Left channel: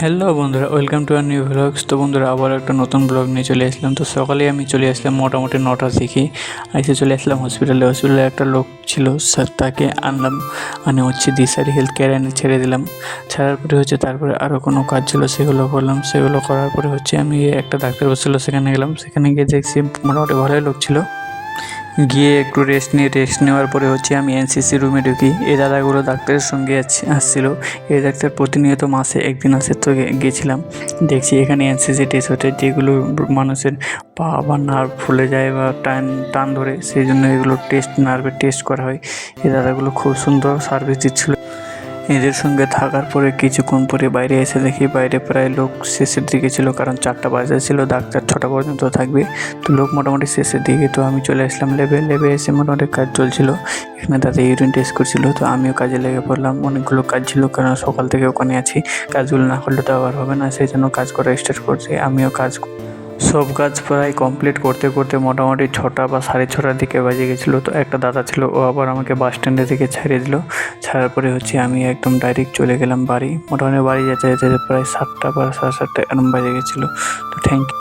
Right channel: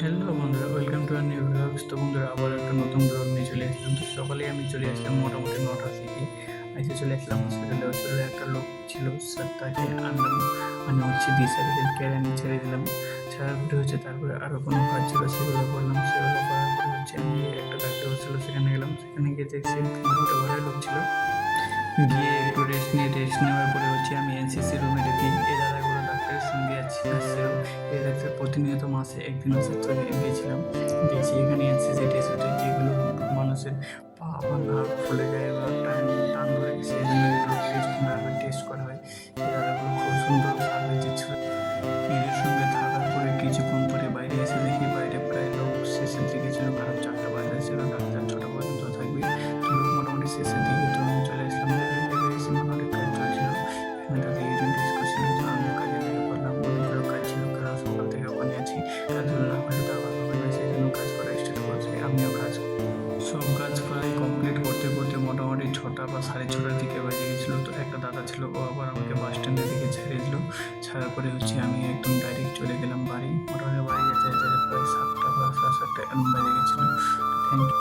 Hello বন্ধুরা, welcome to our new blogs. তো বন্ধুরা, আবার একটা নতুন ব্লগ নিয়ে চলে আসলাম। তো সকালে আমি চলে আসলাম মোটামুটি 9টার দিকে। এসে চলে আসলাম হসপিটালে একটা লোক ছিল স্যার, তাকে আনলাম, দিশারি হেলথ কেয়ার এনে ছেড়ে দিলাম। ছাড়ার পরে তারপরে আরও কোনো কাজ ছিল, সেগুলো করলাম। সেগুলো করার পরে আমি একটা ডাক্তার বসছিলো, সেখানে গেলাম। সেখানে গিয়ে দেখছি মোটামুটি ভালোই লোক ছিল। গিয়ে একটু রেস্ট নেওয়ার পরে আমি এনসিসি রুমে ঢুকি। এই দাদাগুলো ডাক্তারের সঙ্গে আসছিলো। এই ডাক্তার প্রতিনিয়ত মাসে একদিন আসে। তো গেছিলাম, দেখছি এখানে এনসিসি টেস্ট হচ্ছে, যেগুলো মানুষের পা বা নার্ভ ফুলে যায় বা টান টান ধরে, সেই জন্য এগুলো নার্ভের টেস্ট করা হয়। এই দাদাগুলো খুব সুন্দর সার্ভিস দিচ্ছিলো। এদের সঙ্গে থাকার পরে কিছুক্ষণ পরে বাইরে এসে দেখি বাইরে প্রায় লোক শেষের দিকে ছিল, কারণ 4টা বাজে ছিল, ডাক্তার 6টা পর্যন্ত থাকবে। তো লোক মোটামুটি শেষের দিকে। তো আমি চলে আসলাম লেবে এসে মোটামুটি কাজ চলছিল। এখানে দাদা ইউরিন টেস্ট করছিল, তো আমিও কাজে লেগে পড়লাম। অনেকগুলো কাজ ছিল, কারণ সকাল থেকে ওখানে আছি। কাজগুলো না করলে তো আবার হবে না, সেই জন্য কাজ করা স্টার্ট করছি। আমিও সব কাজ প্রায় কমপ্লিট করতে করতে মোটামুটি 6টা বা 6:30টার দিকে বাজে গেছিলো। তো একটা দাদা ছিল, ও আবার আমাকে বাস স্ট্যান্ডে থেকে ছাড়িয়ে দিল। ছাড়ার পরে আমি একদম ডাইরেক্ট চলে গেলাম বাড়ি। মোটামুটি বাড়ি যেতে যেতে প্রায় 7টা বা 7:30 এরম বাজে গেছিলো। তো থ্যাংক ইউ।